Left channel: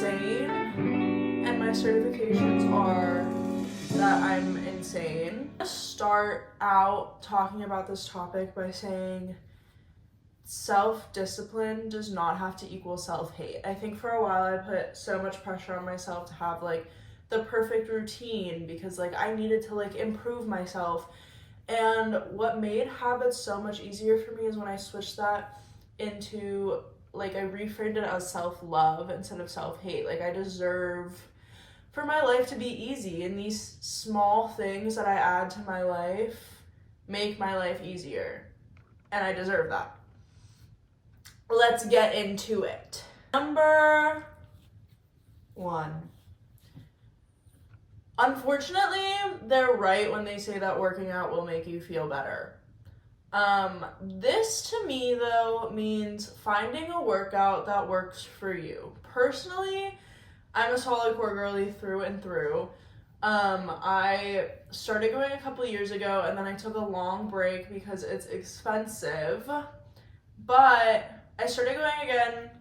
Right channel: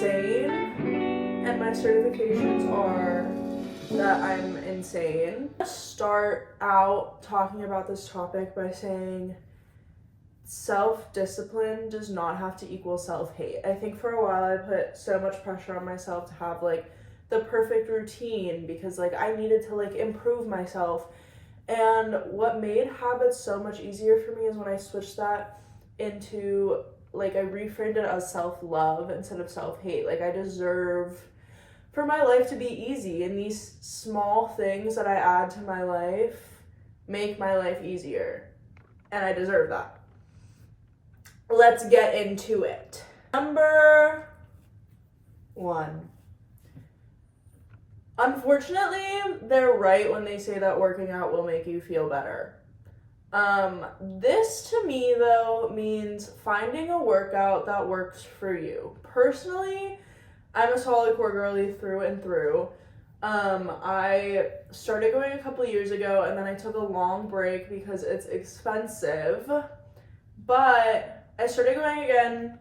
insane, and my certifications are that I'm insane. I'll start out talking about this topic by saying self-discipline does not have to equal self-hate. I think for a while I put so much pressure on myself to have like the perfect routine because like I needed to like improve myself. And what made habits so much easier for me is when I switched that into like I reframed it as self-love instead of self-hate. Like I deserve for my life to be easy, and these small things that I add to my life make my life easier, and I deserve that. Let's get into it. Number 1. Unfortunately, they're right when they say that working out will make you feel better. This to me though means finding a workout that works for you. Personally, I'm a solid core girly through and through. I started going a couple years ago and then I took a long break because it's expensive. But I started going again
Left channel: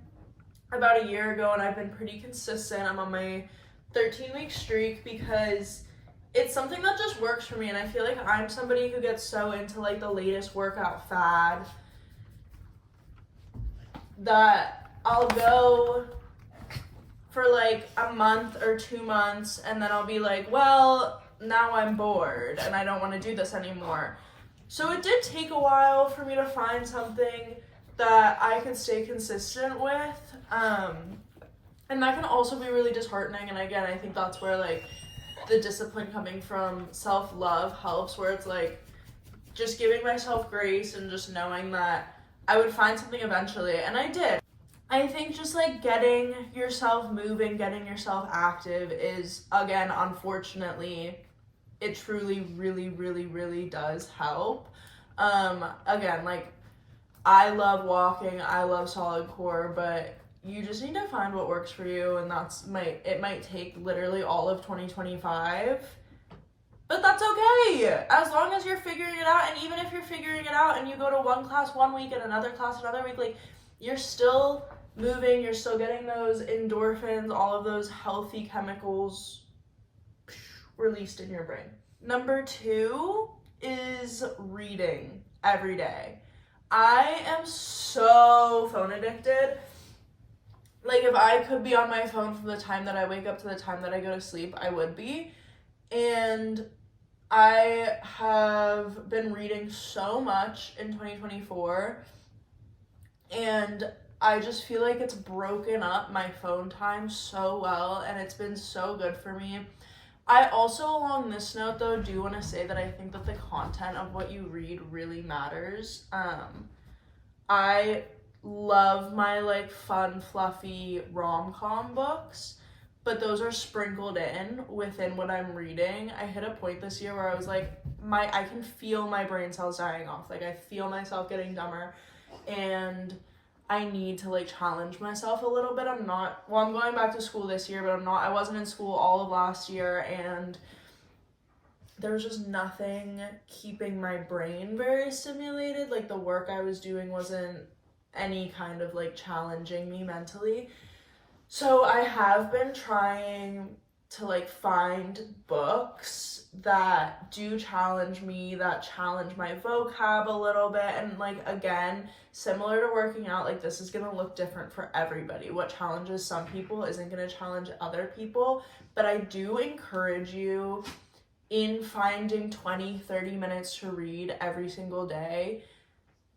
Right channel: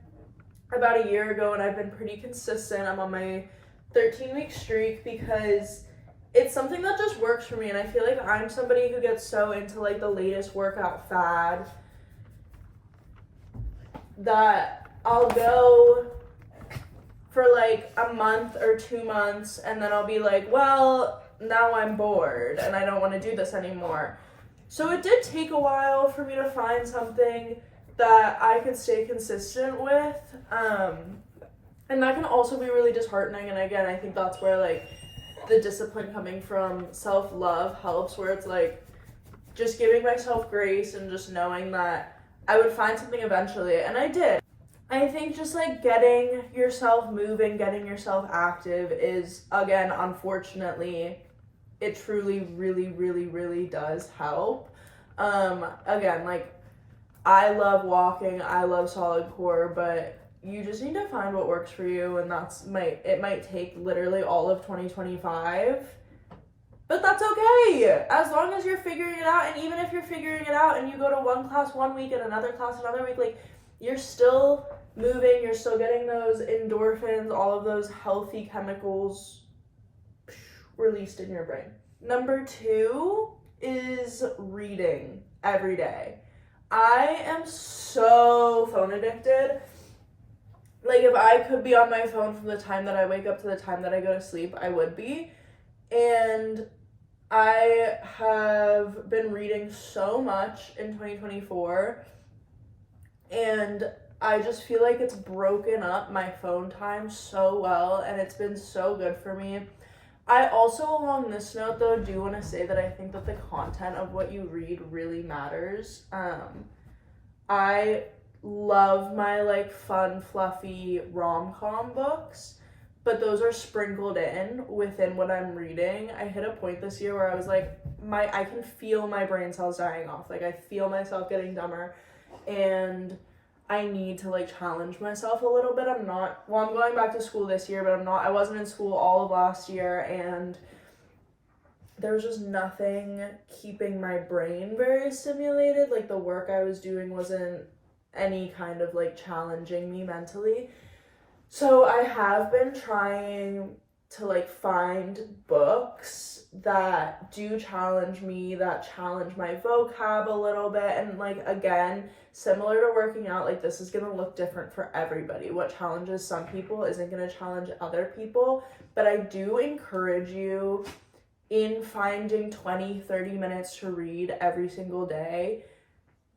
about a year ago and I've been pretty consistent. I'm on my 13-week streak because it's something that just works for me, and I feel like I'm somebody who gets so into like the latest workout fad that I'll go for like a month or 2 months and then I'll be like, well, now I'm bored and I don't want to do this anymore. So it did take a while for me to find something that I could stay consistent with. And that can also be really disheartening. And again, I think that's where like the discipline coming from self-love helps, where it's like just giving myself grace and just knowing that I would find something eventually. And I did. I think just like getting yourself moving, getting yourself active is, again, unfortunately, it truly, really, really, really does help. Again, like I love walking, I love solid core, but you just need to find what works for you, and it might take literally all of 2025, but that's okay, as long as you're figuring it out. And even if you're figuring it out and you go to one class 1 week and another class another week, like you're still moving, you're still getting those endorphins, all of those healthy chemicals released in your brain. Number 2 is reading every day. I am so phone addicted. Like if I could be on my phone from the time that I wake up to the time that I go to sleep, I would be. And I have been reading so much in 2024, and I just feel like it's broken up my phone time so well, and it's been so good for me. I also, along this note though, do want to say that I think that the content of what you read really matters. I love my like fun, fluffy rom-com books, but those are sprinkled in within what I'm reading. I hit a point this year where I was like, I can feel my brain cells dying off. Like I feel myself getting dumber, and I need to like challenge myself a little bit. I'm going back to school this year, but I wasn't in school all of last year, and there was just nothing keeping my brain very stimulated. Like the work I was doing wasn't any kind of like challenging me mentally. So I have been trying to like find books that do challenge me, that challenge my vocab a little bit. And like, again, similar to working out, like this is gonna look different for everybody. What challenges some people isn't gonna challenge other people. But I do encourage you in finding 20-30 minutes to read every single day,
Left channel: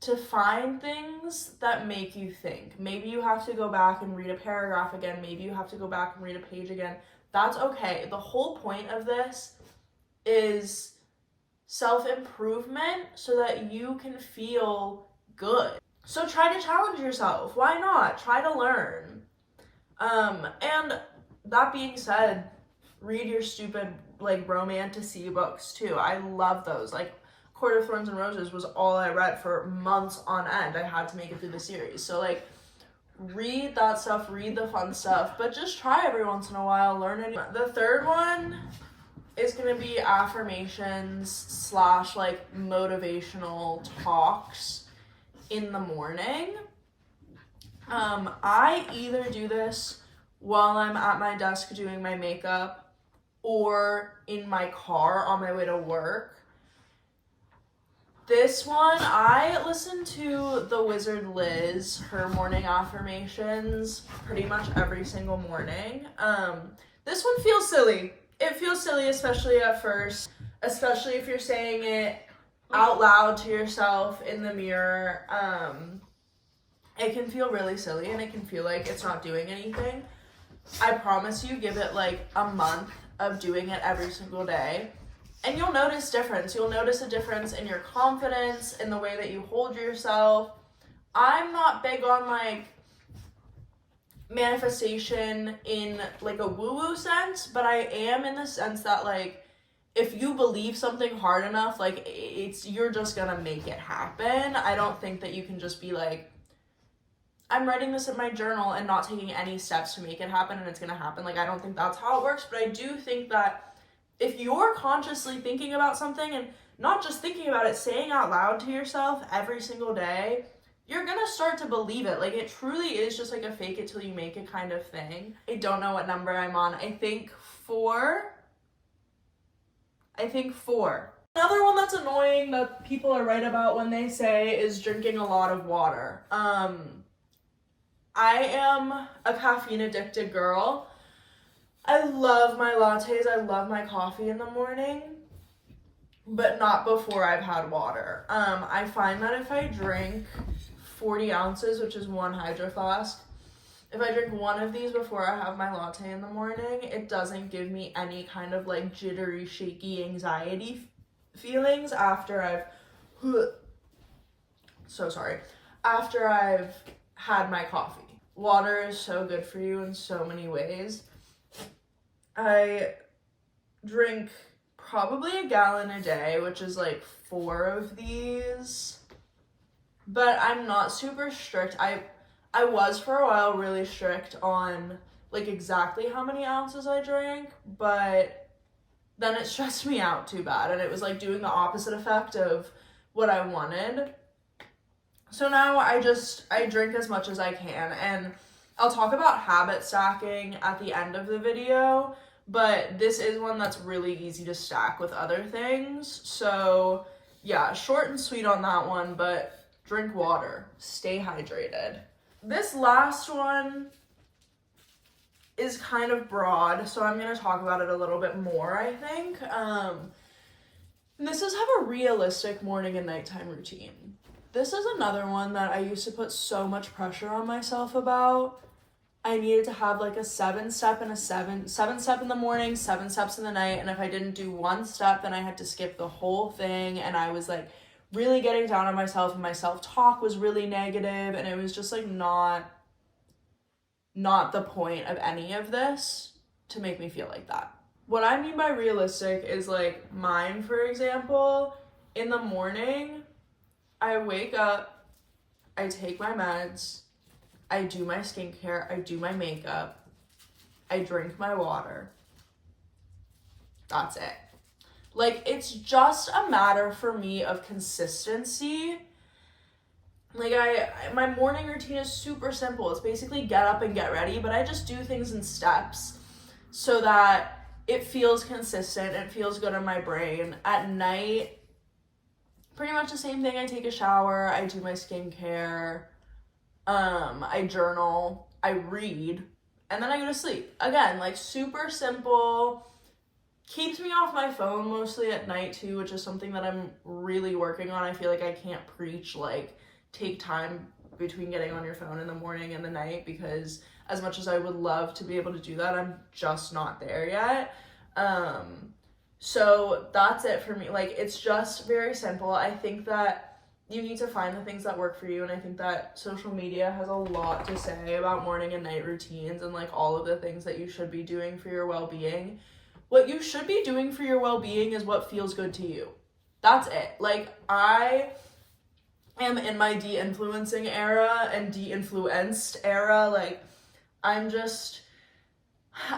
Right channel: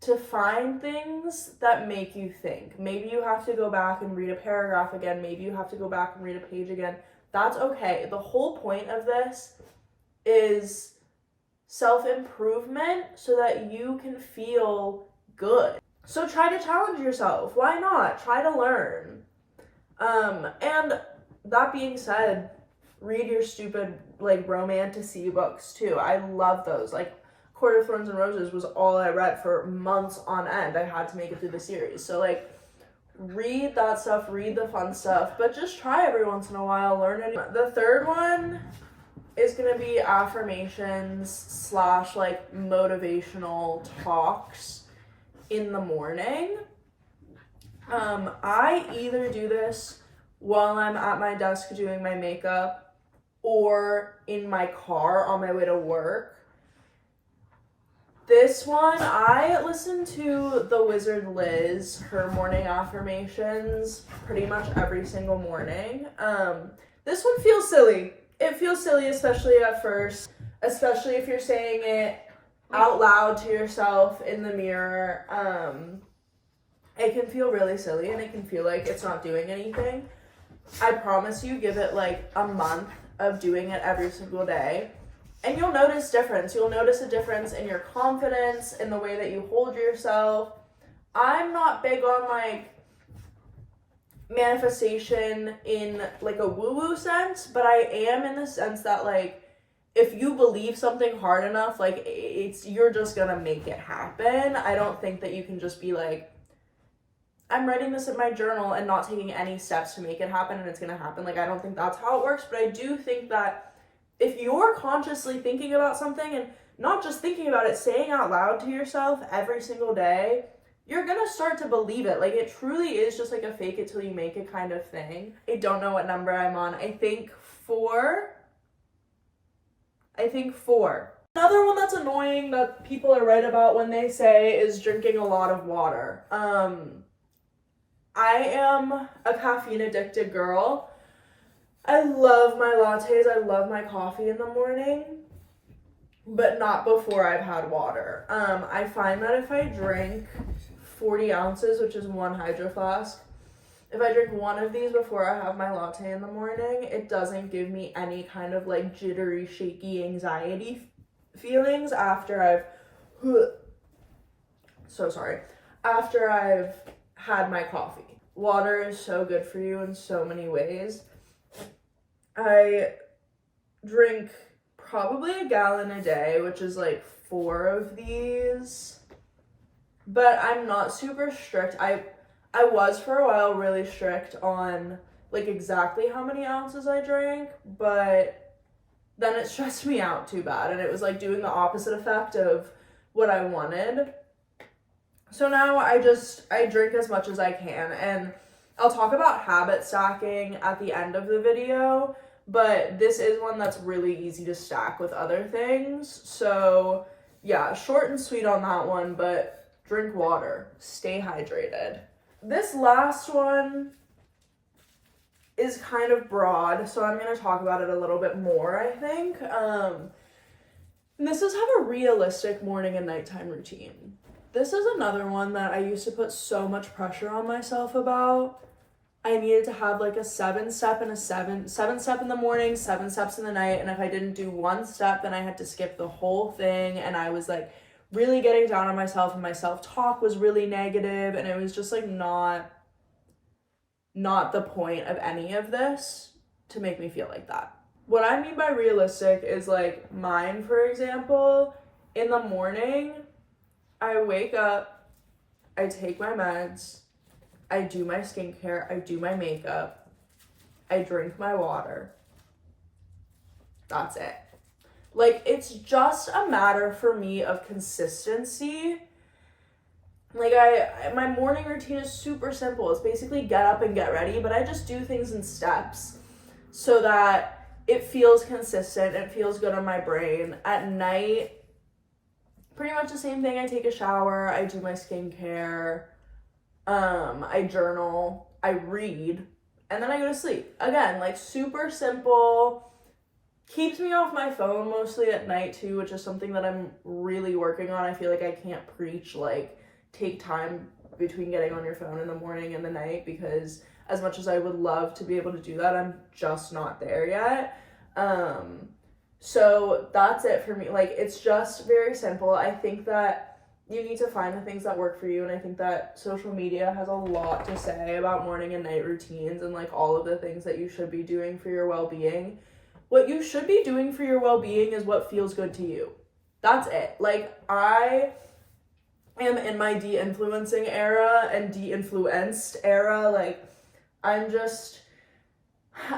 to find things that make you think. Maybe you have to go back and read a paragraph again. Maybe you have to go back and read a page again. That's okay. The whole point of this is self-improvement so that you can feel good. So try to challenge yourself. Why not? Try to learn. And that being said, read your stupid like romantasy books too. I love those. Like Court of Thorns and Roses was all I read for months on end. I had to make it through the series. So like read that stuff, read the fun stuff, but just try every once in a while, learn it. The third one is gonna be affirmations / like motivational talks in the morning. I either do this while I'm at my desk doing my makeup or in my car on my way to work. This one, I listen to The Wizard Liz, her morning affirmations, pretty much every single morning. This one feels silly. It feels silly, especially at first, especially if you're saying it out loud to yourself in the mirror. It can feel really silly and it can feel like it's not doing anything. I promise you, give it like a month of doing it every single day, and you'll notice difference. You'll notice a difference in your confidence, in the way that you hold yourself. I'm not big on like manifestation in like a woo-woo sense, but I am in the sense that like if you believe something hard enough, like you're just gonna make it happen. I don't think that you can just be like, I'm writing this in my journal and not taking any steps to make it happen and it's gonna happen. Like, I don't think that's how it works, but I do think that if you're consciously thinking about something and not just thinking about it, saying out loud to yourself every single day, you're gonna start to believe it. Like, it truly is just like a fake it till you make it kind of thing. I don't know what number I'm on. I think four. Another one that's annoying that people are right about when they say is drinking a lot of water. I am a caffeine addicted girl. I love my lattes, I love my coffee in the morning, but not before I've had water. I find that if I drink 40 ounces, which is one Hydro Flask, if I drink one of these before I have my latte in the morning, it doesn't give me any kind of like jittery, shaky anxiety feelings after after I've had my coffee. Water is so good for you in so many ways. I drink probably a gallon a day, which is like 4 of these, but I'm not super strict. I was for a while really strict on like exactly how many ounces I drank, but then it stressed me out too bad and it was like doing the opposite effect of what I wanted. So now I drink as much as I can, and I'll talk about habit stacking at the end of the video, but this is one that's really easy to stack with other things. So yeah, short and sweet on that one, but drink water, stay hydrated. This last one is kind of broad, so I'm going to talk about it a little bit more, I think. This is have a realistic morning and nighttime routine. This is another one that I used to put so much pressure on myself about. I needed to have like a 7-step and a 7-step in the morning, 7 steps in the night. And if I didn't do 1 step, then I had to skip the whole thing. And I was like really getting down on myself, and my self-talk was really negative. And it was just like not the point of any of this to make me feel like that. What I mean by realistic is like mine, for example, in the morning, I wake up, I take my meds, I do my skincare, I do my makeup, I drink my water. That's it. Like, it's just a matter for me of consistency. Like, my morning routine is super simple. It's basically get up and get ready, but I just do things in steps so that it feels consistent, it feels good on my brain. At night, pretty much the same thing. I take a shower, I do my skincare, I journal, I read, and then I go to sleep. Again, like super simple, keeps me off my phone mostly at night too, which is something that I'm really working on. I feel like I can't preach like take time between getting on your phone in the morning and the night, because as much as I would love to be able to do that, I'm just not there yet. So that's it for me. Like, it's just very simple. I think that you need to find the things that work for you, and I think that social media has a lot to say about morning and night routines and like all of the things that you should be doing for your well-being. What you should be doing for your well-being is what feels good to you. That's it. Like, I am in my de-influencing era and de-influenced era. Like, I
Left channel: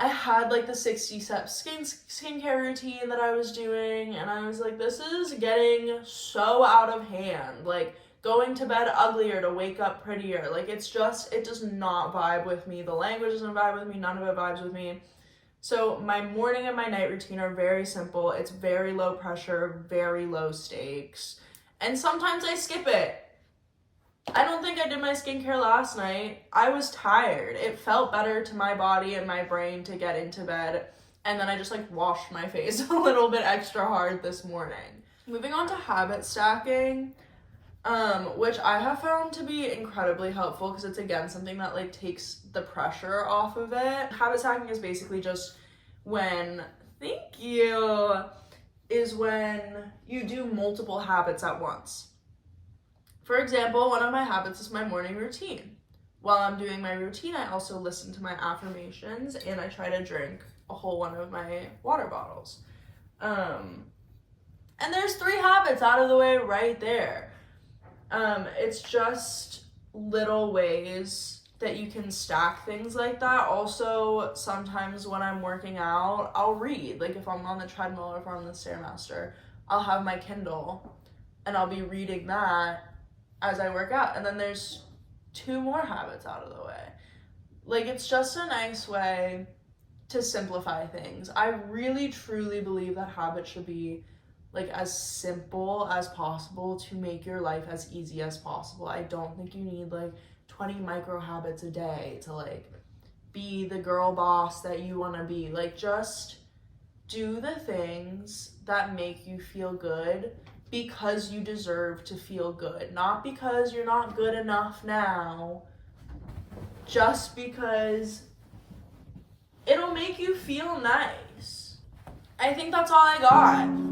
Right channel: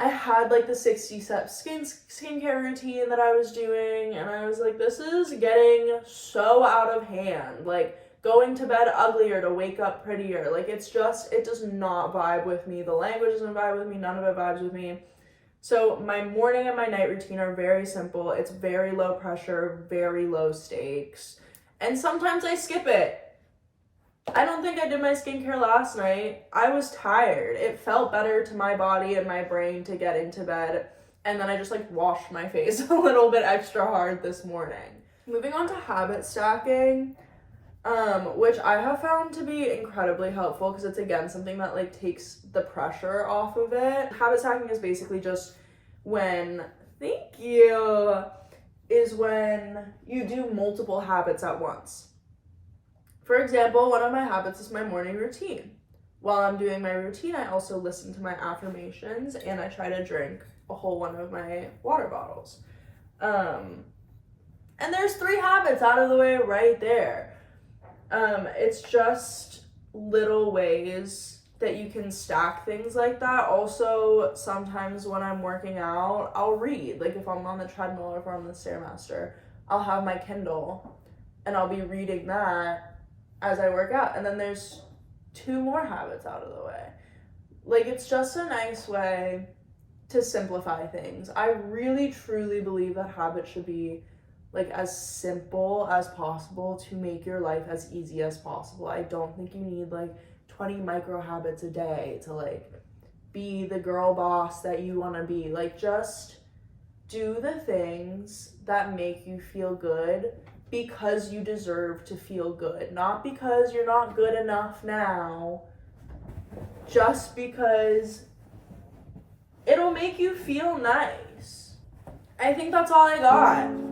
had like the 60-step skincare routine that I was doing, and I was like, this is getting so out of hand. Like, going to bed uglier to wake up prettier. Like, it's just, it does not vibe with me. The language doesn't vibe with me. None of it vibes with me. So my morning and my night routine are very simple. It's very low pressure, very low stakes. And sometimes I skip it. I don't think I did my skincare last night. I was tired. It felt better to my body and my brain to get into bed. And then I just like washed my face a little bit extra hard this morning. Moving on to habit stacking, which I have found to be incredibly helpful because it's, again, something that like takes the pressure off of it. Habit stacking is basically just when you do multiple habits at once. For example, one of my habits is my morning routine. While I'm doing my routine, I also listen to my affirmations and I try to drink a whole one of my water bottles. And there's 3 habits out of the way right there. It's just little ways that you can stack things like that. Also, sometimes when I'm working out, I'll read. Like if I'm on the treadmill or if I'm on the Stairmaster, I'll have my Kindle and I'll be reading that as I work out. And then there's 2 more habits out of the way. Like, it's just a nice way to simplify things. I really truly believe that habits should be like as simple as possible to make your life as easy as possible. I don't think you need like 20 micro habits a day to like be the girl boss that you want to be. Like, just do the things that make you feel good because you deserve to feel good, not because you're not good enough now, just because it'll make you feel nice. I think that's all I got.